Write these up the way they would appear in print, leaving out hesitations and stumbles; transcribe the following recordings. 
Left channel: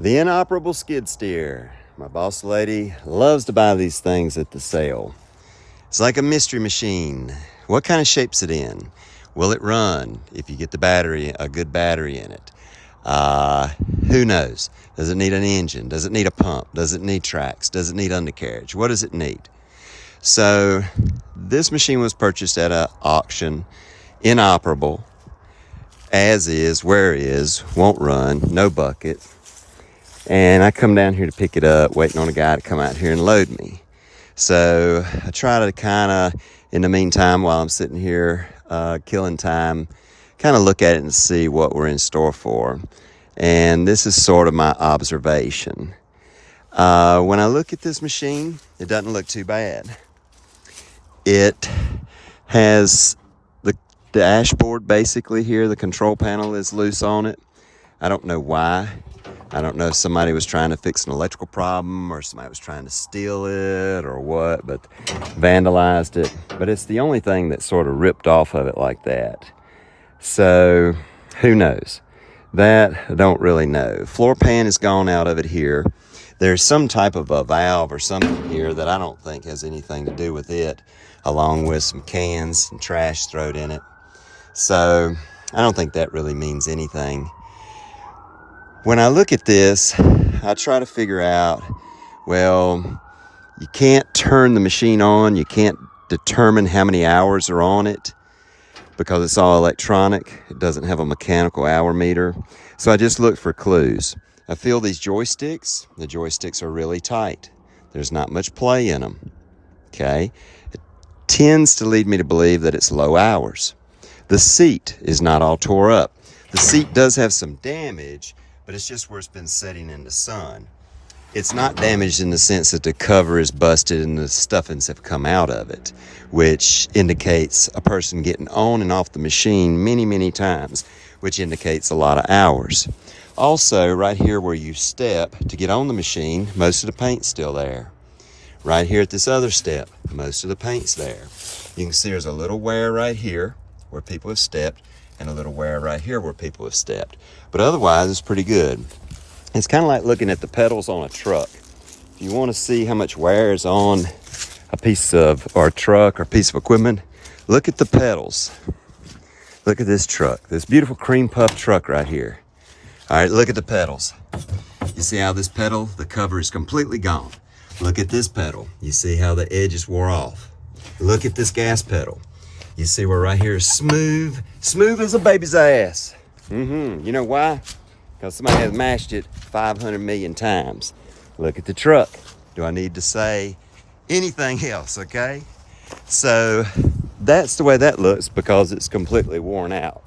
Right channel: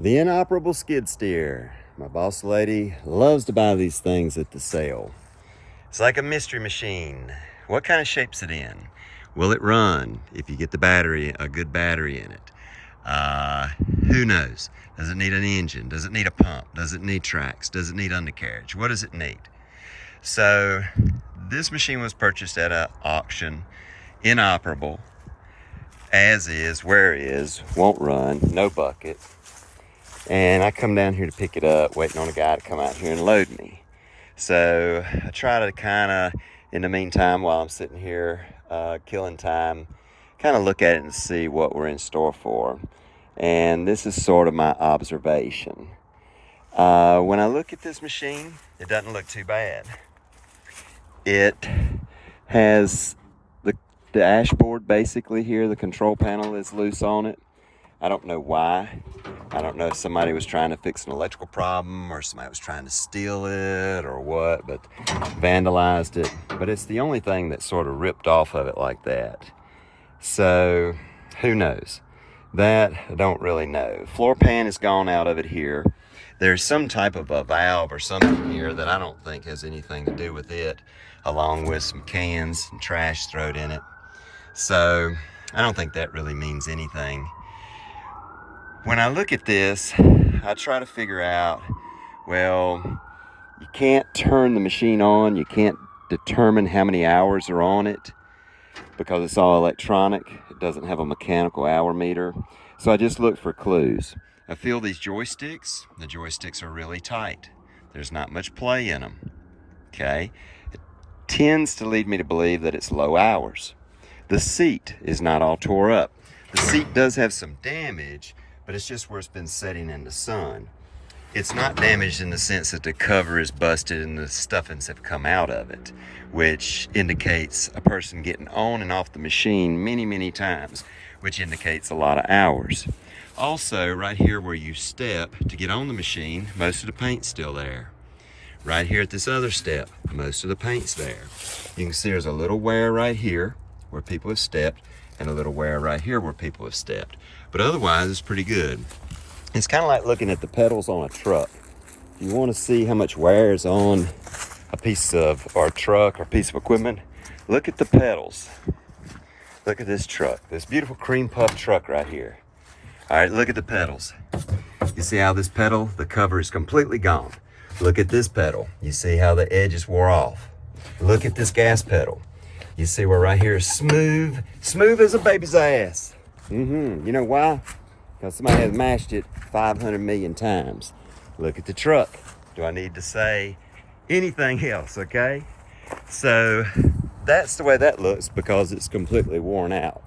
The inoperable skid steer. My boss lady loves to buy these things at the sale. It's like a mystery machine. What kind of shape's it in? Will it run if you get the battery, a good battery in it? Who knows? Does it need an engine? Does it need a pump? Does it need tracks? Does it need undercarriage? What does it need? So this machine was purchased at an auction, inoperable, as is, where is, won't run, no bucket. And I come down here to pick it up, waiting on a guy to come out here and load me. So I try to kind of, in the meantime, while I'm sitting here killing time, kind of look at it and see what we're in store for. And this is sort of my observation. When I look at this machine, it doesn't look too bad. It has the dashboard basically here, the control panel is loose on it. I don't know why. I don't know if somebody was trying to fix an electrical problem or somebody was trying to steal it or what, but vandalized it. But it's the only thing that sort of ripped off of it like that. So who knows? That I don't really know. Floor pan is gone out of it here. There's some type of a valve or something here that I don't think has anything to do with it, along with some cans and trash thrown in it. So I don't think that really means anything. When I look at this, I try to figure out, well, you can't turn the machine on. You can't determine how many hours are on it because it's all electronic. It doesn't have a mechanical hour meter. So I just look for clues. I feel these joysticks. The joysticks are really tight. There's not much play in them. Okay? It tends to lead me to believe that it's low hours. The seat is not all tore up. The seat does have some damage, but it's just where it's been sitting in the sun. It's not damaged in the sense that the cover is busted and the stuffings have come out of it, which indicates a person getting on and off the machine many, many times, which indicates a lot of hours. Also, right here where you step to get on the machine, most of the paint's still there. Right here at this other step, most of the paint's there. You can see there's a little wear right here where people have stepped and a little wear right here where people have stepped. But otherwise, it's pretty good. It's kind of like looking at the pedals on a truck. If you want to see how much wear is on a piece of, or a truck or a piece of equipment, look at the pedals. Look at this truck, this beautiful cream puff truck right here. All right, look at the pedals. You see how this pedal, the cover is completely gone. Look at this pedal. You see how the edges wore off. Look at this gas pedal. You see where right here is smooth as a baby's ass. You know why? Because somebody has mashed it 500 million times. Look at the truck. Do I need to say anything else, okay? So that's the way that looks because it's completely worn out.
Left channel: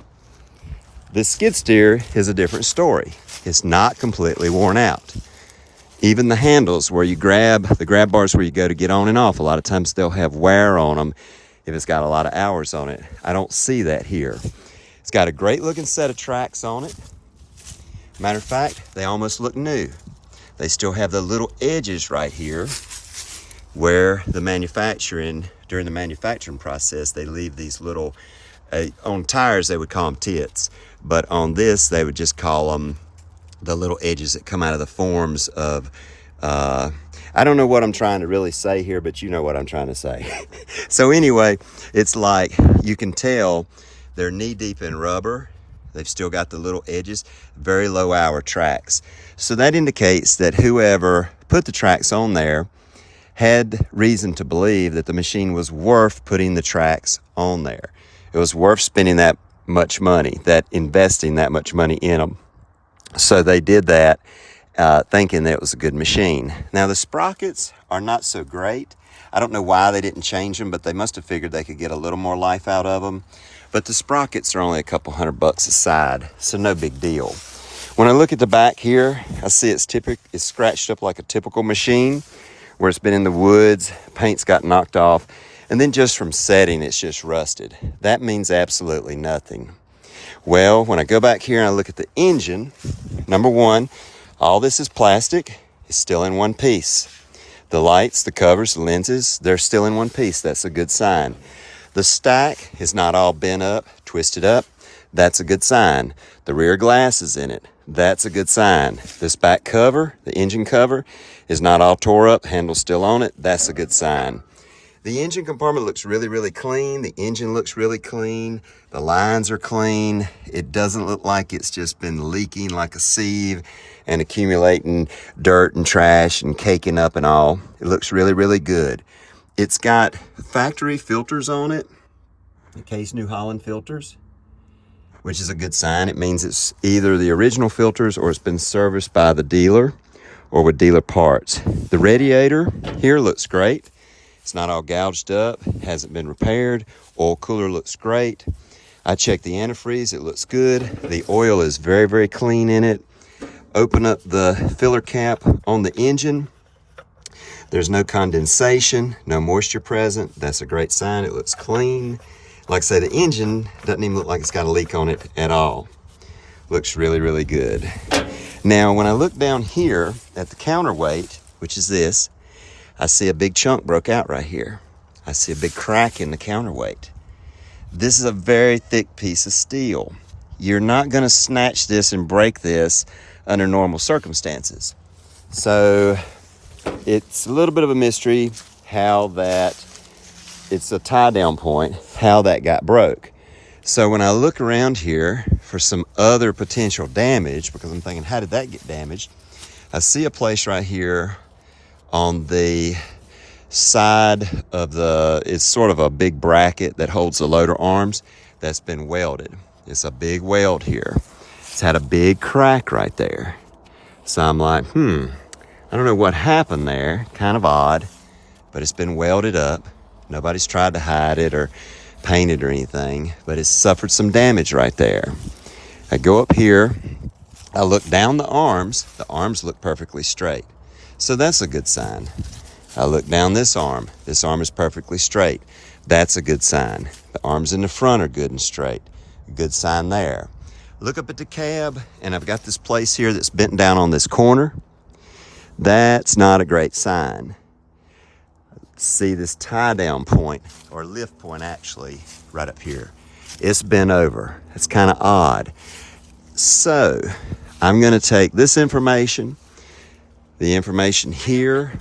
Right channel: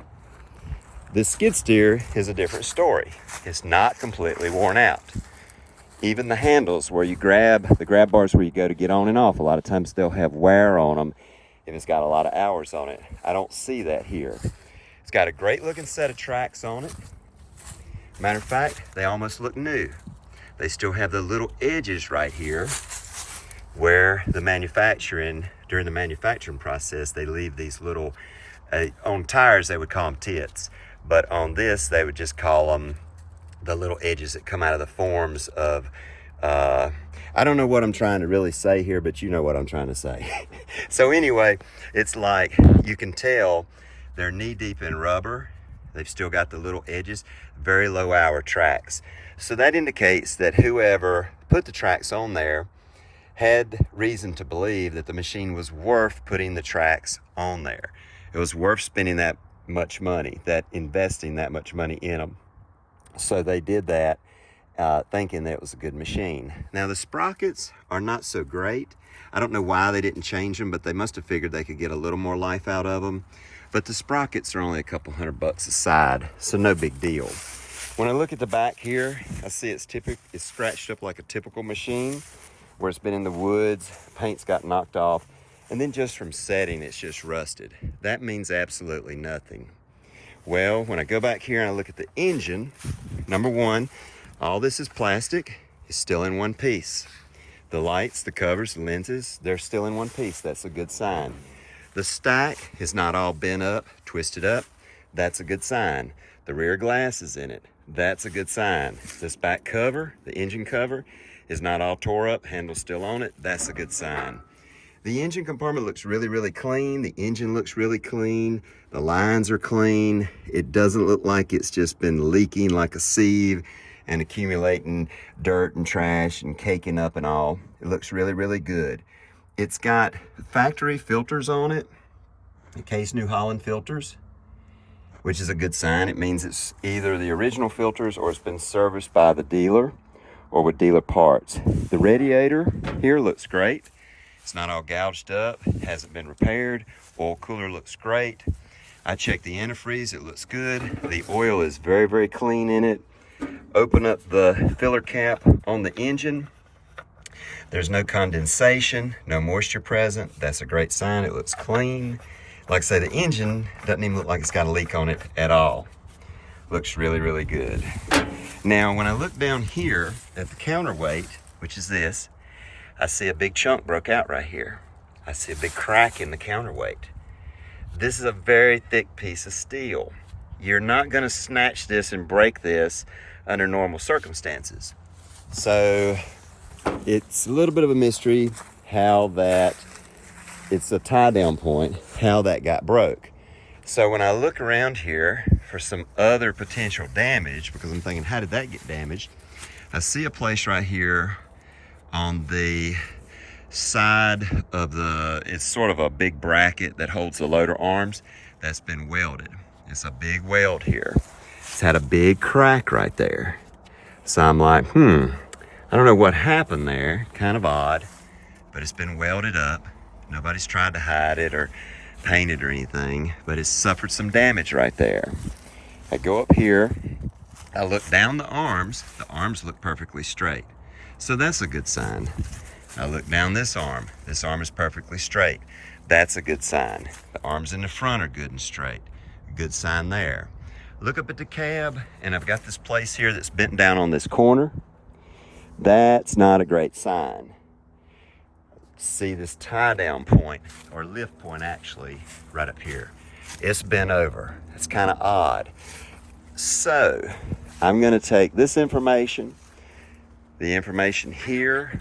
This skid steer is a different story. It's not completely worn out. Even the handles where you grab, the grab bars where you go to get on and off, a lot of times they'll have wear on them if it's got a lot of hours on it. I don't see that here. It's got a great looking set of tracks on it. Matter of fact, they almost look new. They still have the little edges right here where during the manufacturing process, they leave these little, on tires they would call them tits, but on this they would just call them the little edges that come out of the forms of, I don't know what I'm trying to really say here, but you know what I'm trying to say. So anyway, it's like you can tell they're knee deep in rubber. They've still got the little edges, very low hour tracks. So that indicates that whoever put the tracks on there had reason to believe that the machine was worth putting the tracks on there. It was worth spending that much money, investing that much money in them. So they did that thinking that it was a good machine. Now the sprockets are not so great. I don't know why they didn't change them, but they must have figured they could get a little more life out of them. But the sprockets are only a couple $100 a side, so no big deal. When I look at the back here, I see it's scratched up like a typical machine where it's been in the woods, paint's got knocked off, and then just from setting, it's just rusted. That means absolutely nothing. Well, when I go back here and I look at the engine, number one, all this is plastic. It's still in one piece. The lights, the covers, the lenses, they're still in one piece. That's a good sign. The stack is not all bent up, twisted up. That's a good sign. The rear glass is in it. That's a good sign. This back cover, the engine cover, is not all tore up, handle's still on it. That's a good sign. The engine compartment looks really, really clean. The engine looks really clean. The lines are clean. It doesn't look like it's just been leaking like a sieve and accumulating dirt and trash and caking up and all. It looks really, really good. It's got factory filters on it, Case New Holland filters, which is a good sign. It means it's either the original filters or it's been serviced by the dealer or with dealer parts. The radiator here looks great. It's not all gouged up, hasn't been repaired. Oil cooler looks great. I checked the antifreeze, it looks good. The oil is very, very clean in it. Open up the filler cap on the engine. There's no condensation, no moisture present. That's a great sign, it looks clean. Like I say, the engine doesn't even look like it's got a leak on it at all. Looks really, really good. Now, when I look down here at the counterweight, which is this, I see a big chunk broke out right here. I see a big crack in the counterweight. This is a very thick piece of steel. You're not gonna snatch this and break this under normal circumstances. So it's a little bit of a mystery how that, it's a tie down point, how that got broke. So when I look around here for some other potential damage, because I'm thinking, how did that get damaged? I see a place right here on the side of the, it's sort of a big bracket that holds the loader arms that's been welded. It's a big weld here. It's had a big crack right there. So I'm like, I don't know what happened there. Kind of odd, but it's been welded up. Nobody's tried to hide it or paint it or anything, but it's suffered some damage right there. I go up here, I look down the arms look perfectly straight. So that's a good sign. I look down this arm is perfectly straight. That's a good sign. The arms in the front are good and straight. A good sign there. Look up at the cab, and I've got this place here that's bent down on this corner. That's not a great sign. See this tie down point, or lift point actually, right up here. It's bent over. It's kind of odd. So I'm gonna take this information, the information here.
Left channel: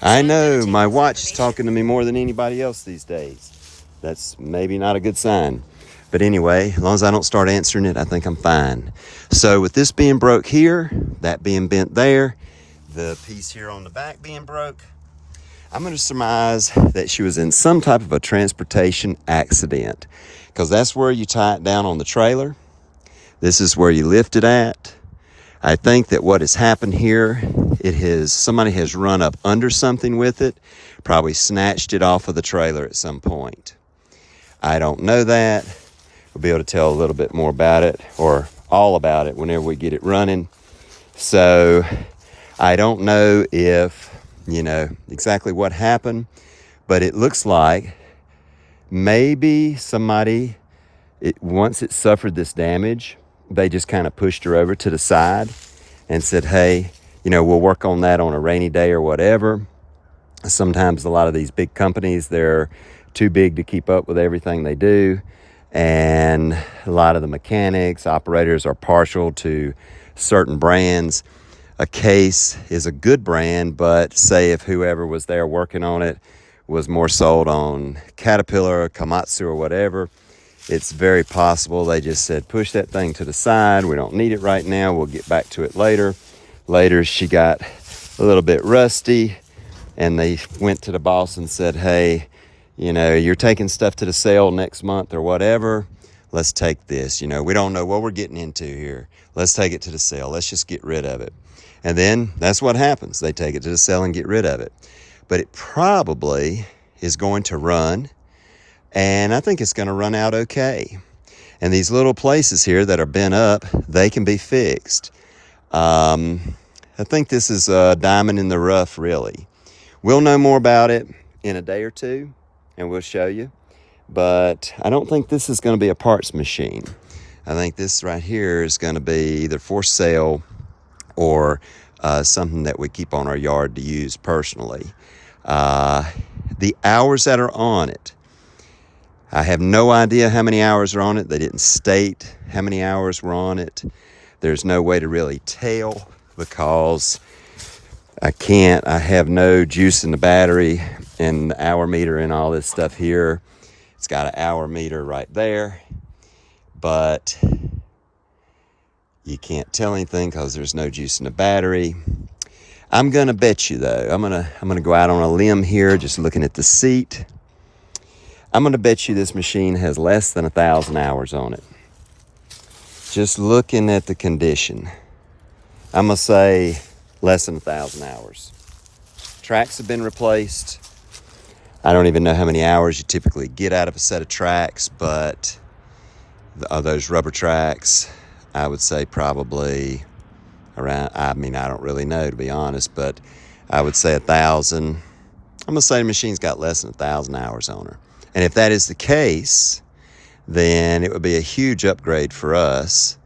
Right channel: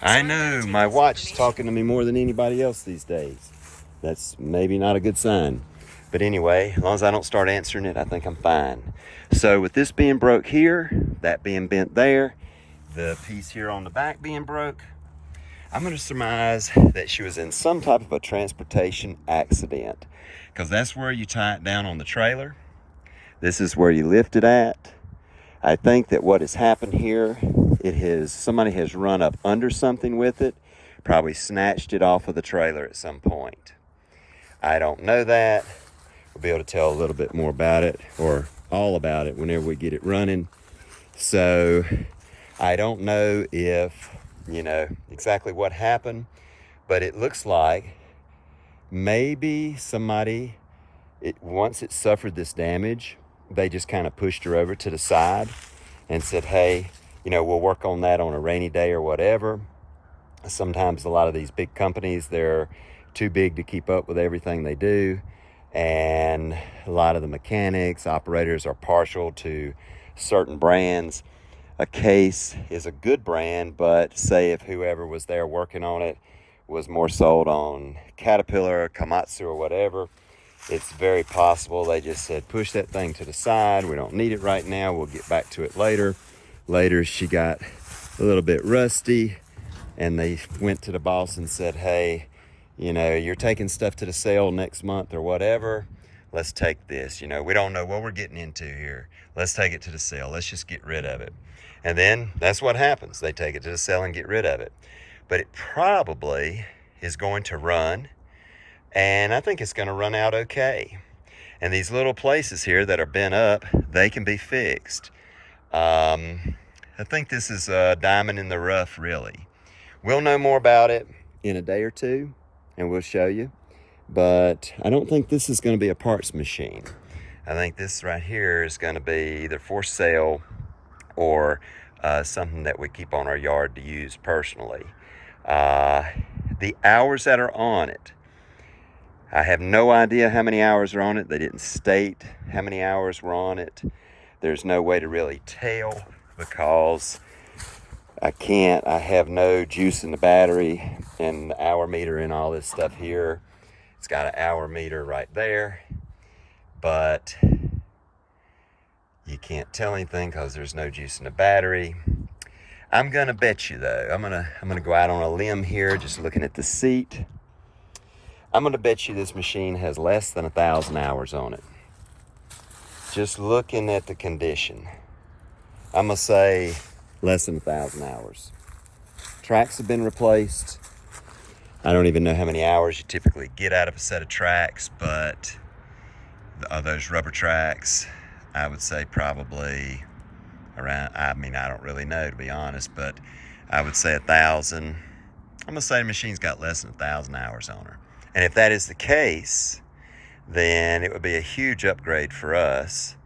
I know, my watch is talking to me more than anybody else these days. That's maybe not a good sign. But anyway, as long as I don't start answering it, I think I'm fine. So with this being broke here, that being bent there, the piece here on the back being broke, I'm gonna surmise that she was in some type of a transportation accident, because that's where you tie it down on the trailer. This is where you lift it at. I think that what has happened here, somebody has run up under something with it, probably snatched it off of the trailer at some point. I don't know that. We'll be able to tell a little bit more about it, or all about it, whenever we get it running. So I don't know if, exactly what happened, but it looks like maybe somebody, once it suffered this damage, they just kind of pushed her over to the side and said, hey, we'll work on that on a rainy day or whatever. Sometimes a lot of these big companies, they're too big to keep up with everything they do. And a lot of the mechanics, operators are partial to certain brands. A Case is a good brand, but say if whoever was there working on it was more sold on Caterpillar, Komatsu, or whatever, it's very possible they just said, push that thing to the side. We don't need it right now. We'll get back to it later. Later, she got a little bit rusty, and they went to the boss and said, hey, you're taking stuff to the sale next month or whatever. Let's take this. We don't know what we're getting into here. Let's take it to the sale. Let's just get rid of it. And then that's what happens. They take it to the sale and get rid of it. But it probably is going to run, and I think it's going to run out okay. And these little places here that are bent up, they can be fixed. I think this is a diamond in the rough, really. We'll know more about it in a day or two, and we'll show you. But I don't think this is going to be a parts machine. I think this right here is going to be either for sale or something that we keep on our yard to use personally. The hours that are on it, I have no idea how many hours are on it. They didn't state how many hours were on it. There's no way to really tell because I have no juice in the battery and the hour meter and all this stuff here. It's got an hour meter right there, but you can't tell anything because there's no juice in the battery. I'm gonna bet you though, I'm gonna go out on a limb here, just looking at the seat. I'm gonna bet you this machine has less than 1,000 hours on it. Just looking at the condition, I'm gonna say less than 1,000 hours. Tracks have been replaced. I don't even know how many hours you typically get out of a set of tracks, but those rubber tracks, I would say probably around, I don't really know to be honest, but I would say 1,000. I'm gonna say the machine's got less than 1,000 hours on her. And if that is the case, then it would be a huge upgrade for us,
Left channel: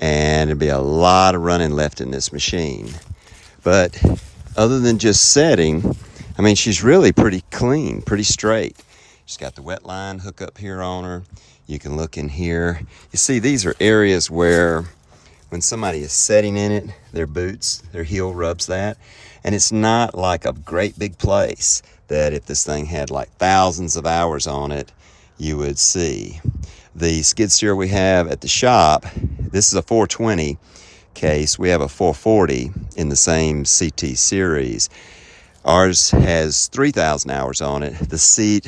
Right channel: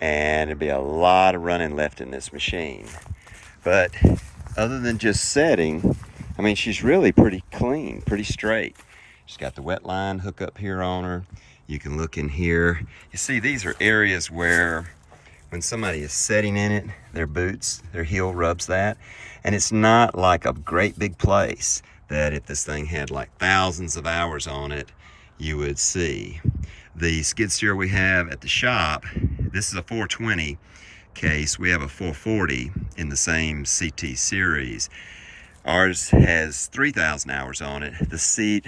and it'd be a lot of running left in this machine. But other than just setting, I mean, she's really pretty clean, pretty straight. She's got the wet line hook up here on her. You can look in here. You see, these are areas where when somebody is setting in it, their boots, their heel rubs that. And it's not like a great big place that if this thing had like thousands of hours on it, you would see. The skid steer we have at the shop, this is a 420 case. We have a 440 in the same CT series. Ours has 3,000 hours on it. The seat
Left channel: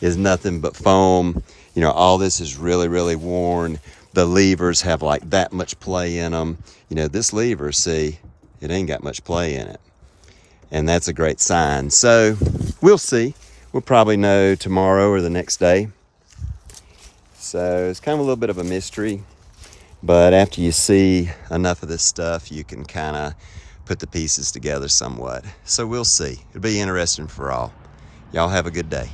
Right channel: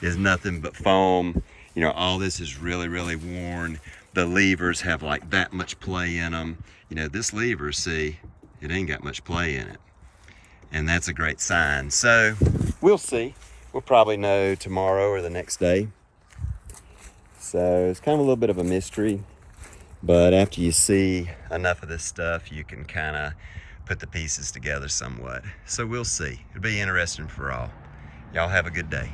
is nothing but foam. You know, all this is really, really worn. The levers have like that much play in them. You know, this lever, see, it ain't got much play in it. And that's a great sign. So we'll see. We'll probably know tomorrow or the next day. So it's kind of a little bit of a mystery, but after you see enough of this stuff, you can kind of put the pieces together somewhat. So we'll see. It'll be interesting for all. Y'all have a good day.